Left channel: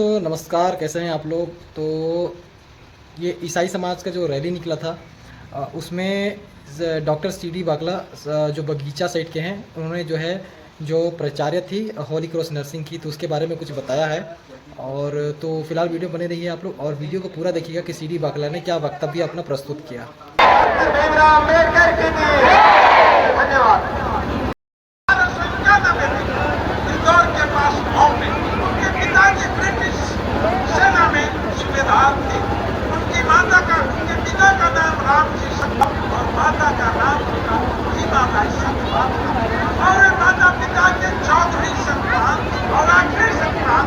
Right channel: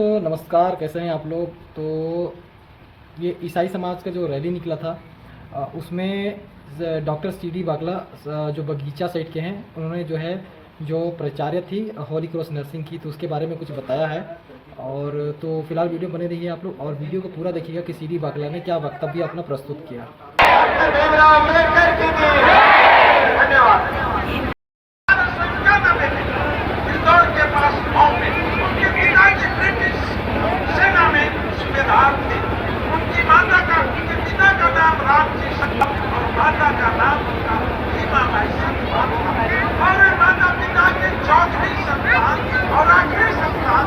दोस्तों नमस्कार, कैसे हैं आप लोग। तो ये ईसाई समाज का जो रैली निकला था उसमें डॉक्टर CD बागला जो बगीचा साइड के हैं, उन्होंने जो प्राचार्य थी होली क्रॉस नर्सिंग की, तो उसके बारे में कुछ बताया है। और तो फिलहाल वीडियो बने रहिए आप लोग और वीडियो को पूरा देखिएगा कि CD बागला ने क्या वक्तव्य अपना प्रस्तुत किया। उनकी माता का, उनके पिता का नाम राम जी और माता का नाम सीमा और माता पिता के चौथी संतान और आखिरी संतान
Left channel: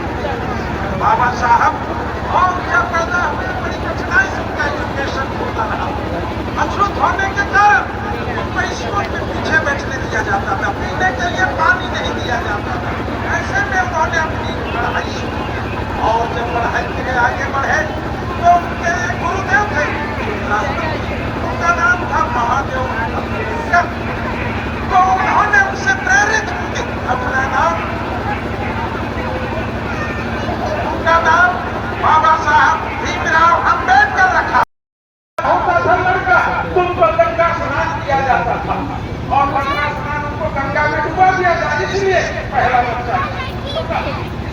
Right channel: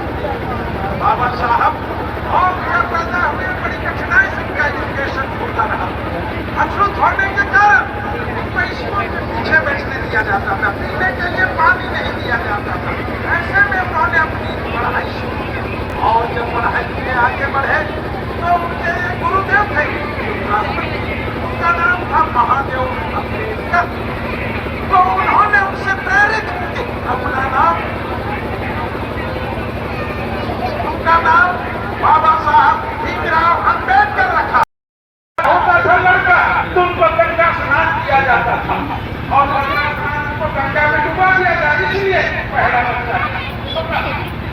बाबा साहब। और जब पैदा हुए बड़ी कठिनाई से उनका एजुकेशन होता था। अछूत होने के कारण उनको स्कूल के पीछे बैठने दिया जाता था, पीने के लिए पानी नहीं दिया जाता था। ऐसे में उन्होंने अपनी पढ़ाई शुरू और जब पढ़ाई में आगे बढ़े तो उनके गुरुदेव थे, उनका नाम था महादेव। तो उन्होंने उनसे प्रेरित अपना नाम, उनका नाम बाबा साहब भीमराव अम्बेडकर रखा। होता था लड़का तो उनको गंगा स्नान किया जाता था और गंगा स्नान को गंगा में डुबा दिया जाता, इसलिए पहला बच्चा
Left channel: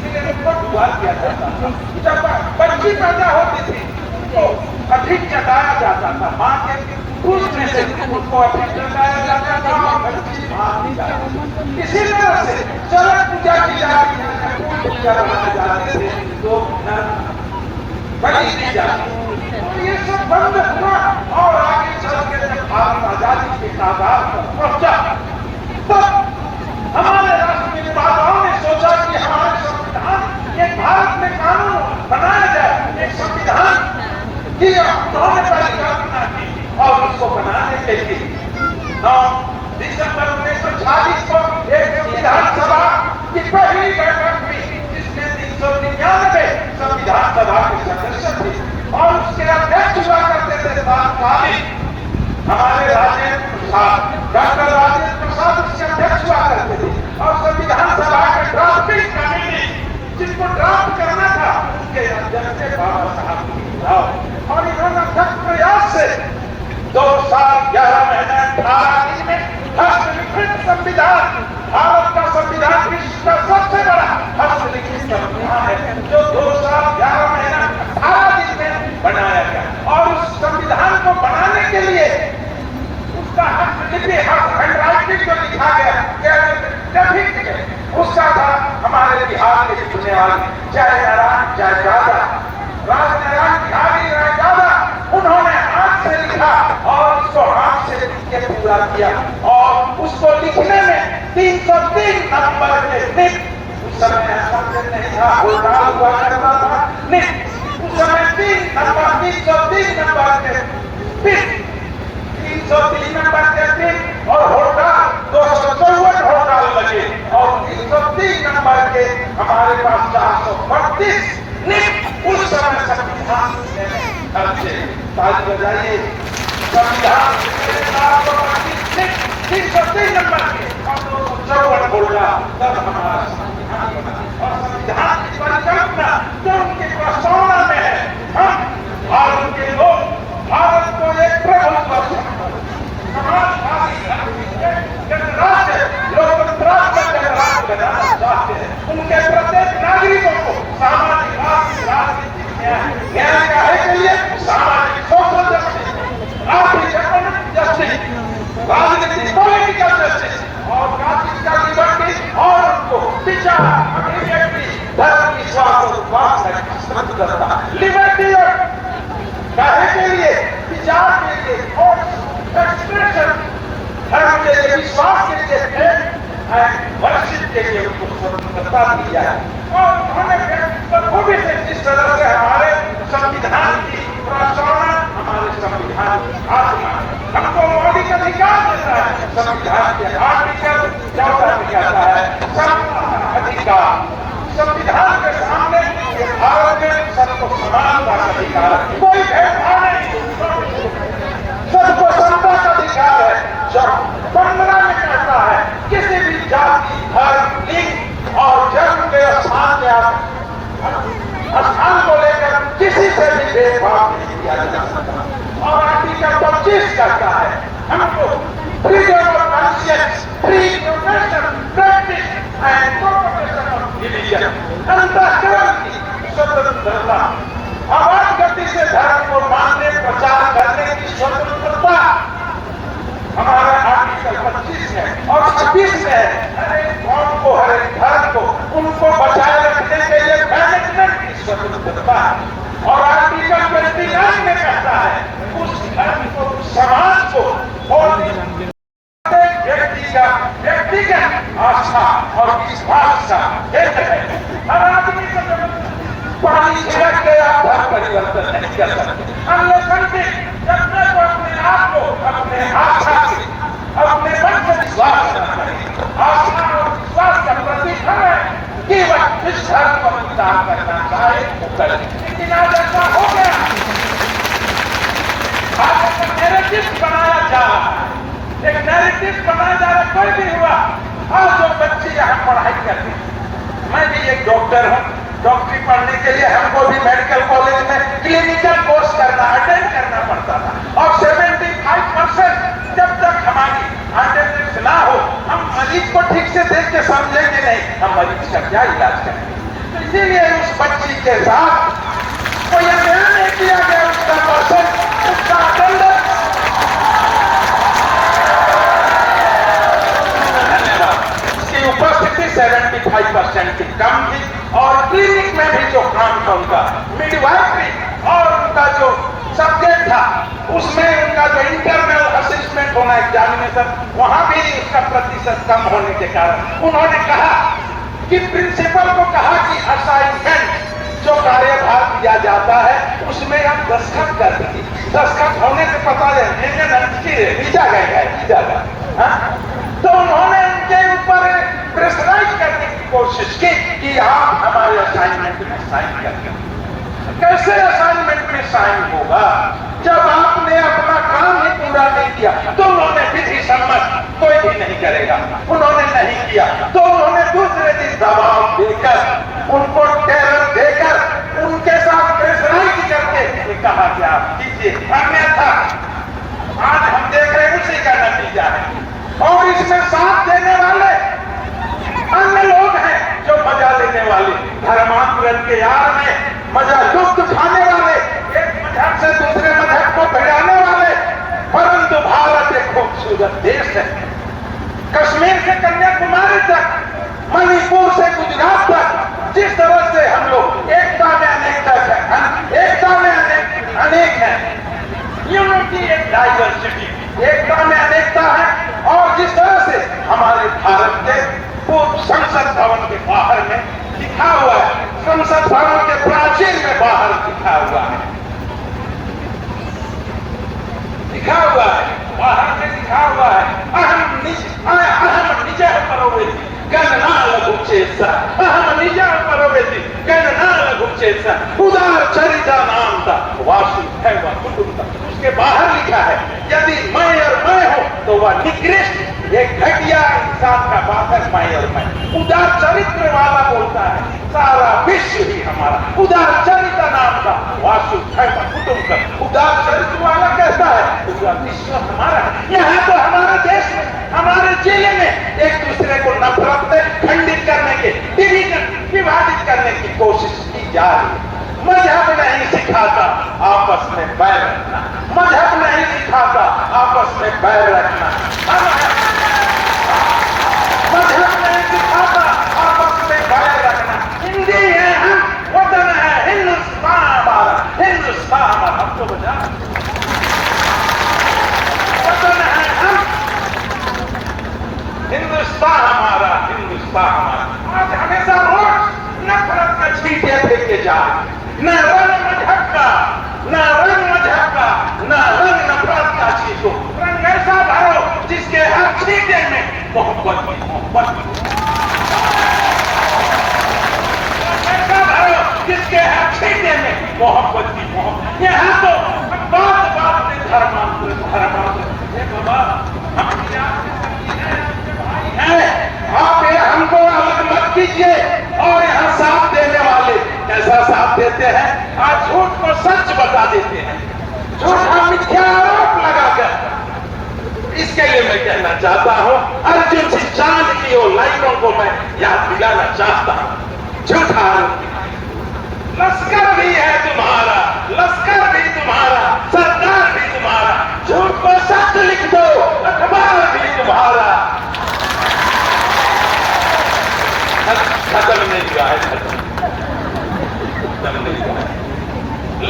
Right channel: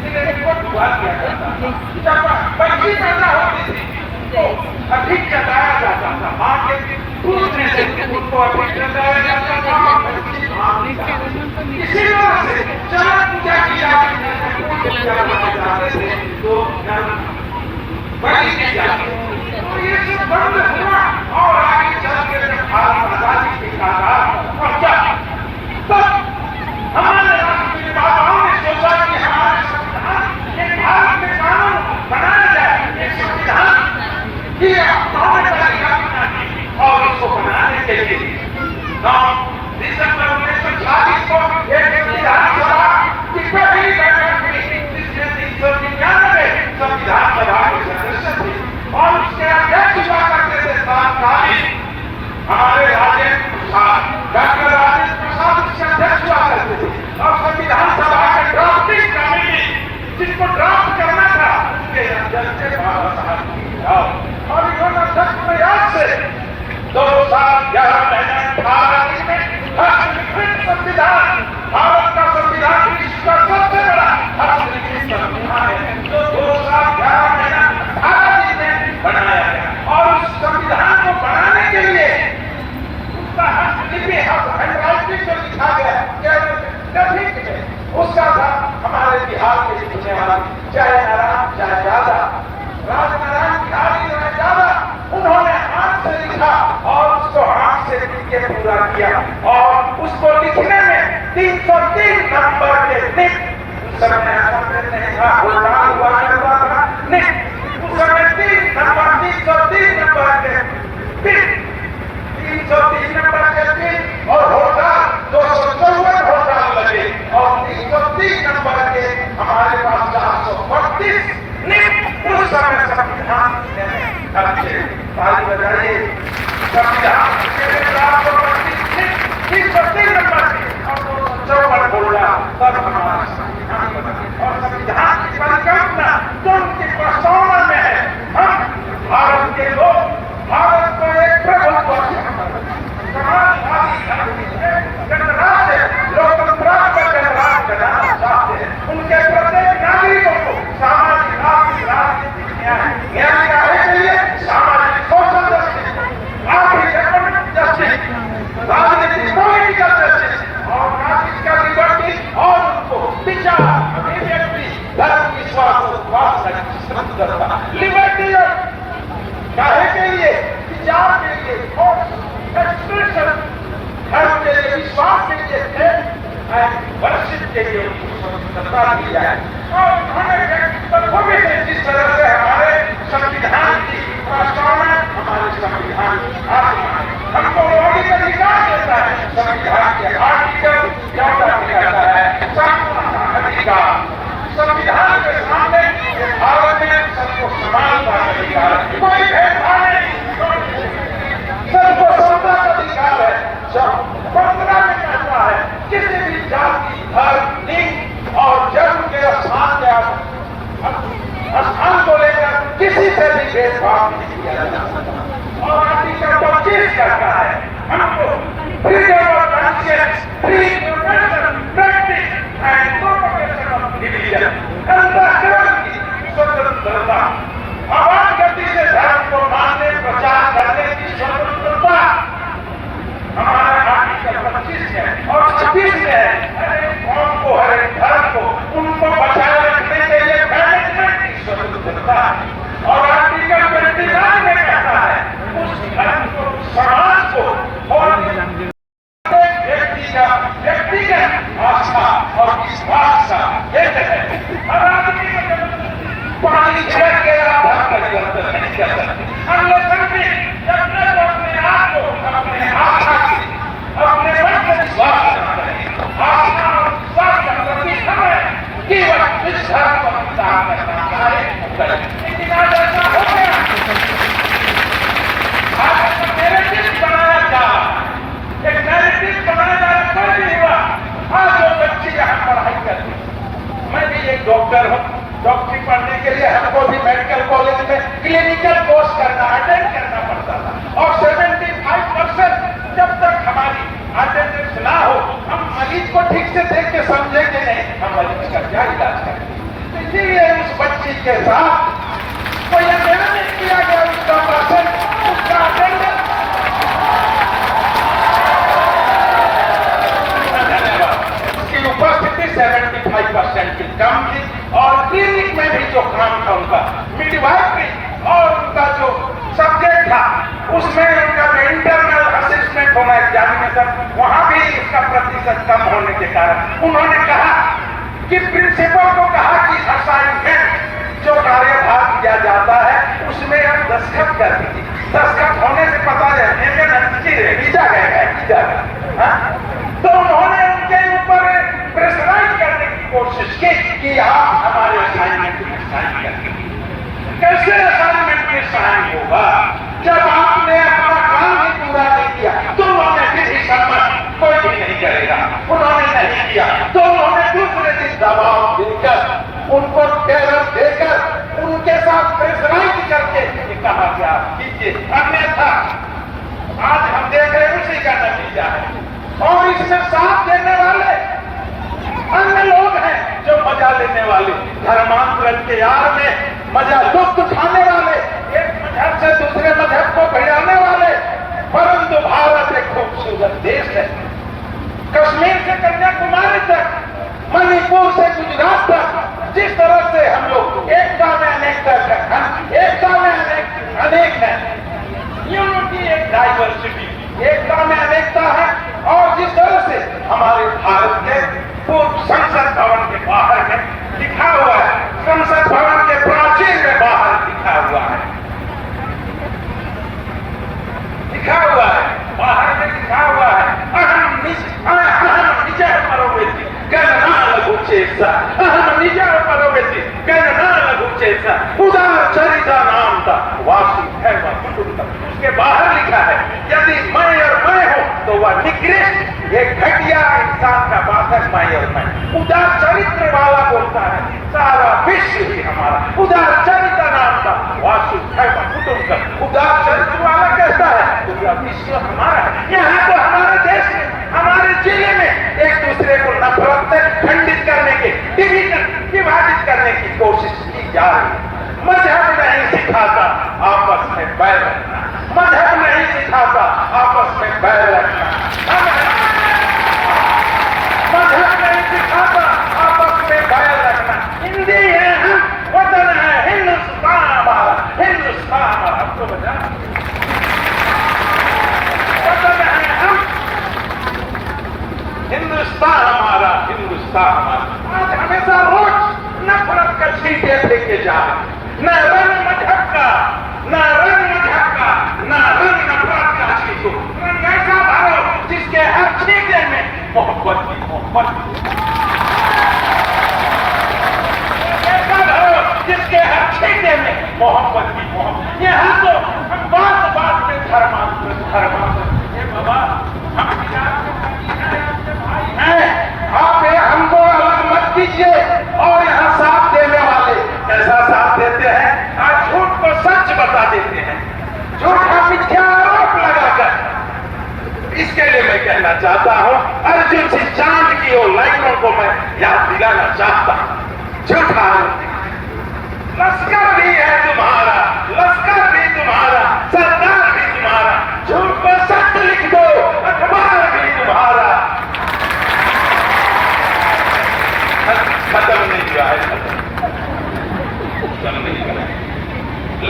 इसलिए डुबा दिया जाता था। जब बच्ची पैदा होती थी तो अधिक जताया जाता था, माँ के दूसरे से उनको अधिक जताया जाता था। इसी तरह से चरण पूजा की जाती है तो बड़ी की जाती है। तो ये सब बंद हुआ और आगे चल के भारत आजादी के कागाज पहुंचा। तब हमारे राष्ट्र निर्माताओं ने सोचा कि हमारे संविधान के भारत में कानून बनाया जाए, एक संविधान की उन्होंने और इसको बनाने के लिए 9 दिसंबर 1946 को एक संविधान सभा की पहली बैठक हुई, जिसमें 399 संविधान सभा के सदस्य थे और उसके अध्यक्ष हुआ करते थे तत्कालीन हमारे राजेंद्र प्रसाद, डॉक्टर राजेंद्र प्रसाद उसके अध्यक्ष हुआ करते थे। और संविधान सभा के ड्राफ्टिंग कमेटी जिनको ड्राफ्ट करना था उसके अध्यक्ष थे बाबा साहब भीमराव। और इन्होंने सख्त प्रयास से 2 साल 11 महीने 18 दिन में हस्तलिखित संविधान, भारत का संविधान विश्व का सबसे बड़ा हस्तलिखित संविधान है, जो 2 साल 11 महीने 18 दिन में बनाया गया। और उस संविधान को बनाने के लिए उसका हस्तलिपि हैंडराइटिंग जो लिखा गया उसका था हमारे बिहार के लिखने वाले जय नारायण जय यादा, राजनारायण बिहारी राय यादा, उन्होंने हाथ से लिखा और उसको हाथ से लिख के पूरा किया। और उसको लिखने में 303 नंबर के निक, उस समय नहीं था, हुआ करता था निक, उस समय 303 नंबर के निक, 303 नंबर के निक और होगा 254 होगा लगे और 303 नंबर के हमारे पास 432 निक उस समय संविधान ताली बजाइए। संविधान 303 नंबर चौवन बोला तब हमारा संविधान बना। और संविधान की परिकल्पना जो उनके प्रस्तावना में है, हम भारत के लोग भारत को एक प्रभुत्व गणराज्य लोकतंत्रात्मक गणराज्य बनाना चाहते हैं। उनके प्रत्येक नागरिकों को सामाजिक राजनीतिक न्याय के लिए सामाजिक सोशल जस्टिस, आर्थिक इकोनॉमिक जस्टिस, राजनीतिक पॉलिटिकल जस्टिस और राजनीतिक लिबर्टी और उनको विचार अभिव्यक्ति धर्म विश्वास और उपासना करता लिबर्टी काहे के लिए, विचार के लिए और एक्सप्रेशन धर्म के लिए, विश्वास के लिए, वर्षित के लिए उनको स्वतंत्रता दी जाए। और उन्होंने जिस तरह से हमारे संविधान की प्रस्तावना, हमारे संविधान हमको मौलिक अधिकार देता है। संविधान के आर्टिकल क्या कहता है, अधिकार। संविधान के सामने भारत में सबको समान का अधिकार, कोई भेदभाव नहीं, सबको समता का अधिकार है। जब 15 में कहता है किसी भी जाति, धर्म, लिंग और जन्म के स्थान में भेदभाव नहीं किया जा सकता। और आर्टिकल 25 कहता है हमको freedom of conscience, free profession, practice and no profession of religion, अंतःकरण की स्वतंत्रता, आवाज गति से धर्म को मानने प्रचार करने की स्वतंत्रता हमारा आर्टिकल 25 है। और 26 में है हर एक कौम को, हर एक धर्म को उनको बचाए रखने के लिए मैनेजमेंट की स्वतंत्रता है। और आर्टिकल 29 में कहता है उस धर्म को, समाज को और व्यक्ति का व्यक्तिगत आस्था और विश्वास का एक है। हर आदमी को पानी छिड़क के आप धर्म परिवर्तन नहीं कर सकते। हम लोग समझे जब तक अपने आप को अपने आस्था से, अपने मन से विश्वास करना चाहिए। आस्था और विश्वास का प्रतीक हम है कि वह जिस धर्म को स्वीकार करना चाहे वो करे। लेकिन आज ऐसा हो गया, आज एक नैरेटिव बनाया जा रहा है, एक नैरेटिव बनाया जा रहा है। कोई भी हुआ, आज जो बच्ची यहाँ पढ़ाई करती, मैं भी एक डॉक्टर हूँ, डॉक्टरी पढ़ने के लिए हमको भी मेडिकल कॉलेज में क्लिनिकल कोर्स करना, अटेंड करना पड़ता था। और 75% जब तक हमारी अटेंडेंस ना हो, हम मरीज को ठीक से देख के समझेंगे नहीं, हम मरीज का क्या इलाज करेंगे। इसीलिए उस बच्ची के साथ कोई अध्ययन नहीं किया गया, उसका परसेंट, उसका अटेंडेंस। उसकी उपस्थिति 75% की कम थी। और क्लिनिक में भी जो काम था उनका मिडवाइफरी और उनका जो सब्जेक्ट था उसमें उनका जो इंटरनल असेसमेंट होना एग्जामिनेशन, वहां भी उसका प्रतिशत कम होने के कारण उन्होंने कहा कि प्रिंसिपल को कहा कि असाइनमेंट जो कार्यभार दिया जाता है उसमें हम दस्तखत कर दीजिए। दस्तखत होने से पता है वीजा गएगा। तो उन्होंने उनके ऊपर प्रेशराइज करने की कोशिश की कि आप हमारे असाइनमेंट में साइन करें। कैसे असाइनमेंट में साइन होगा जब आपने अपना काम ही पूरा नहीं किया? तो उन्होंने विधि सम्मत कोई भी नहीं करेगा, उन्होंने नहीं किया। तो उन्होंने दूसरे दिन दबाव देकर, उनको टेरर देकर, उनके साथ प्रेशराइज करके कहा कि आप कीजिए, अन्यथा आज हम देख रहे हैं उसी का नतीजा है। और इसमें साथ देने वाले अन्य लोग हैं जो मजा लेने वाले, धर्मांतरण के आड़ में मजा लुत्फ उठाने वाले, एक मजहब से दूसरे मजहब को भिड़ाने वाले। परंतु भारत एक खूबसूरत देश है। कश्मीर से कन्याकुमारी तक, मणिपुर से गुजरात तक, जिस तरह से हम लोग एकता में अनेकता है, एकता में अनेक है, यूनिटी एंड डाइवर्सिटी, एकता में अनेकता है। और जिस तरह से हमारे भारत के पूर्व संसद भवन के बाहर में लिखा हुआ है, संसद भवन के प्राचीर में बाहर लिखा हुआ है, बाहर में लिखा हुआ है, अहम निजः परोवेति गणना लघु चेतसा, अहम निजः परोवेति गणना लघु चेतसा, उदार चरिता नाम का वासुदेव कुटुंबकम्। उसके बाहर लिखा है यदि मैं और मैं हूं तो वह निकृष्ट, एक घटिया इंसान का बात है, मैं और मैं। उदार चरित्र वाला बोलता है सारा विश्व ही हमारा, उदार चरित्र नाम का वासुदेव कुटुंबकम्। उदार चरित्र वाला कहता है पूरा विश्व हमारा है। यहाँ तो हमारे देश में, हमारे जिले में एक दूसरे को नफरत से खंडित करने के, विभाजित करने की कोशिश की जा रही है। मजहब नहीं सिखाता आपस में बैर रखना, मजहब नहीं सिखाता आपस में बैर रखना, मजहब नहीं सिखाता आपस में बैर रखना। हिंदी है हम, वतन है हिंदुस्तान हमारा, हिंदुस्तान हमारा। हमको बजा वतन है हम, हिंदुस्तान हमारा, हिंदुस्तान हमारा। आज हमेशा रोज नफरत का छींटे फेंके जा रहे, न रंग मजहब का, न रंग मजहब का, न रंग नफरत का छींटो। रंग ऐसा भरो जिसके हर छींटे में मोहब्बत की, मोहब्बत की। ऐसा भरो जिसके हर छींटे में मोहब्बत की, मोहब्बत। यहाँ तो बात बात में धर्मांतरण, धर्मांतरण। बाबा आप हमको अलग मत कीजिए। और यहाँ साथ देने वाले कैसा साथ देते हैं? आज झूठ को सच देते हैं, झूठा मिथ्या आरोप लगाकर। इसके लिए मैं कहना चाहता हूं, अर्जुन से चांद की और लाइनों को मैं याद दिलाना चाहता हूं। झूठा लश्कर भी है तुम्हारा, लश्कर भी तुम्हारा, सरकार भी तुम्हारा, झूठ को सच लिख दो, अखबार भी तुम्हारा। खत्म नहीं हुआ है, खत्म नहीं हुआ है।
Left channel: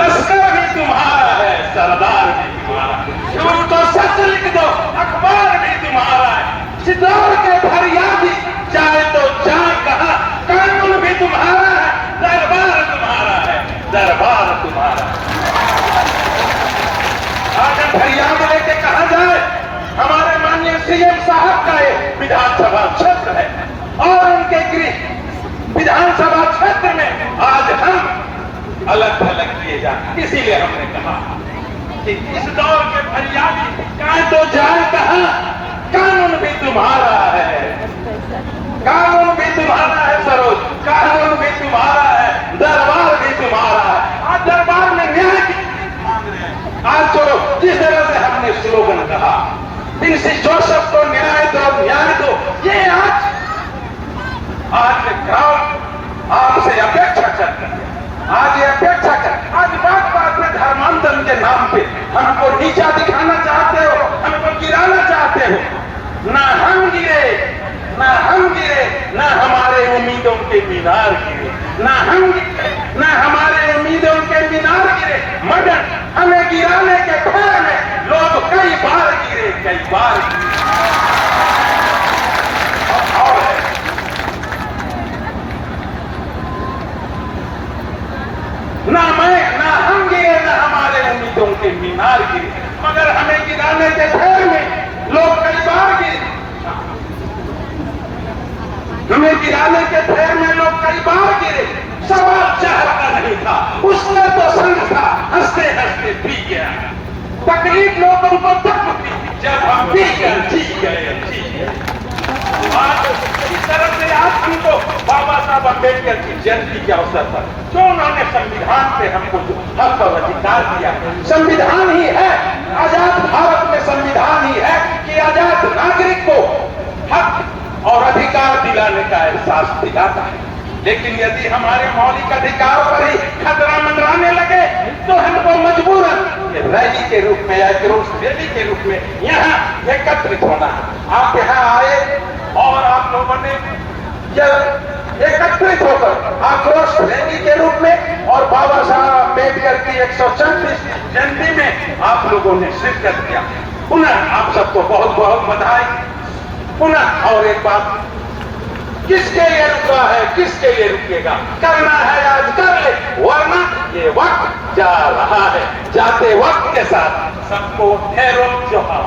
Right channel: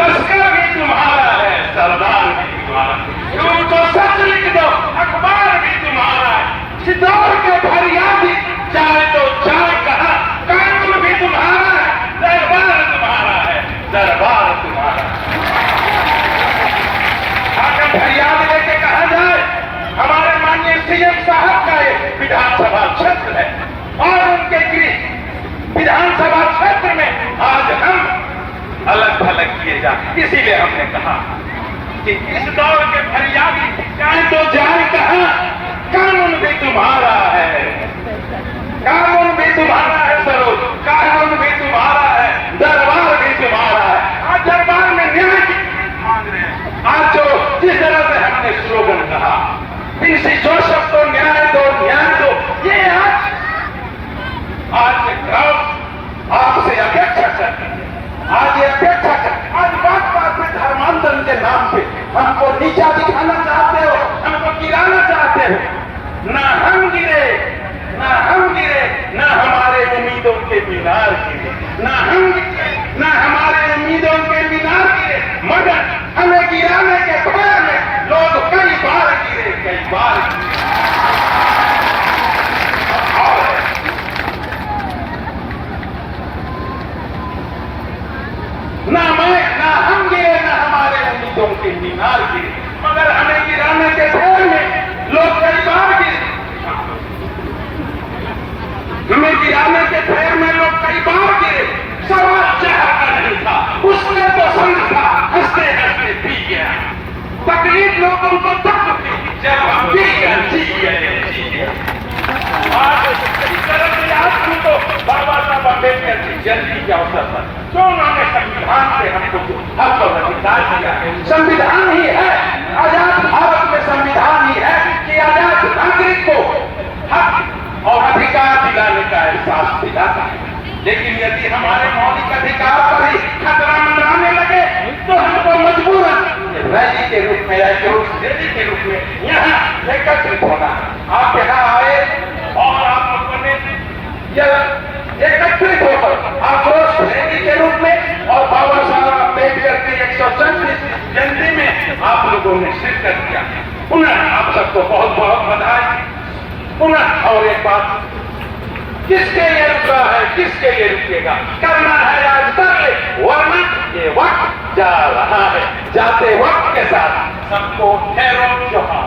लश्कर भी तुम्हारा है, सरदार भी तुम्हारा, झूठ को सच लिख दो, अखबार भी तुम्हारा है। चितौड़ के फरियादी चाहे तो जाए कहा, कानून भी तुम्हारा है, दरबार तुम्हारा है, दरबार तुम्हारा। आगे फरियाद लेके कहा जाए, हमारे माननीय सीएम साहब का ये विधानसभा क्षेत्र है और उनके गृह विधानसभा क्षेत्र में आज हम अलग थलग किए जाए। इसीलिए हमने कहा कि इस दौर के फरियादी कहें तो जाए कहा, कानून भी तुम्हारा है, कानून भी तुम्हारा है, सरो कानून भी तुम्हारा है, दरबार भी तुम्हारा है। आज दरबार में न्याय मांग रहे हैं। आज जो जिस तरह से हमने स्लोगन कहा, प्रिंसी जोसेफ को न्याय दो, न्याय दो, ये आज गांव आपसे अपेक्षा करते हैं। आज ये अपेक्षा कर, आज बात बात में धर्मांतरण के नाम पे हमको नीचा दिखाना चाहते हो, हमको गिराना चाहते हो। ना हम गिरे, ना हम गिरे, ना हमारे उम्मीदों के मीनार गिरे, ना हम गिरे, ना हमारे उम्मीदों के मीनार गिरे, मगर हमें गिराने के भय में लोग कई बार गिरे, कई बार गिरे। और ना मैं, ना हम गिरे, ना हमारे उम्मीदों के मीनार गिरे, मगर हमें गिराने के भय में लोग कई बार गिरे। हमें गिराने के भय में लोग कई बार गिरे। सवाल चाहता नहीं था, उसने तो समझा, हंसते हंसते पी गया। तकलीफ लोगों को तक थी, जब हम पी गए, जी गए। आज इस तरह से आज हमको बाबा साहब अम्बेडकर की जयंती के अवसर पर तो उन्होंने संविधान से हमको जो हक और अधिकार दिया है, संविधान ही है, आजाद भारत में संविधान ही है कि आजाद नागरिक को हक और अधिकार दिलाने का एहसास दिलाता है। लेकिन यदि हमारे मौलिक अधिकार पर ही खतरा मंडराने लगे तो हमको मजबूरन रैली के रूप में या क्रोश रैली के रूप में यहाँ एकत्रित होना है। आप यहाँ आए और आप लोगों ने एकत्रित होकर आक्रोश रैली के रूप में और बाबा साहब अम्बेडकर की 134 जयंती में आप लोगों ने शिरकत किया। पुनः आप सबको बहुत बहुत बधाई। पुनः और एक बात, किसके लिए रुका है, किसके लिए रुकेगा, करना है आज कर ले, वरना ये वक्त जा रहा है, जाते वक्त के साथ सबको खैर जोहार।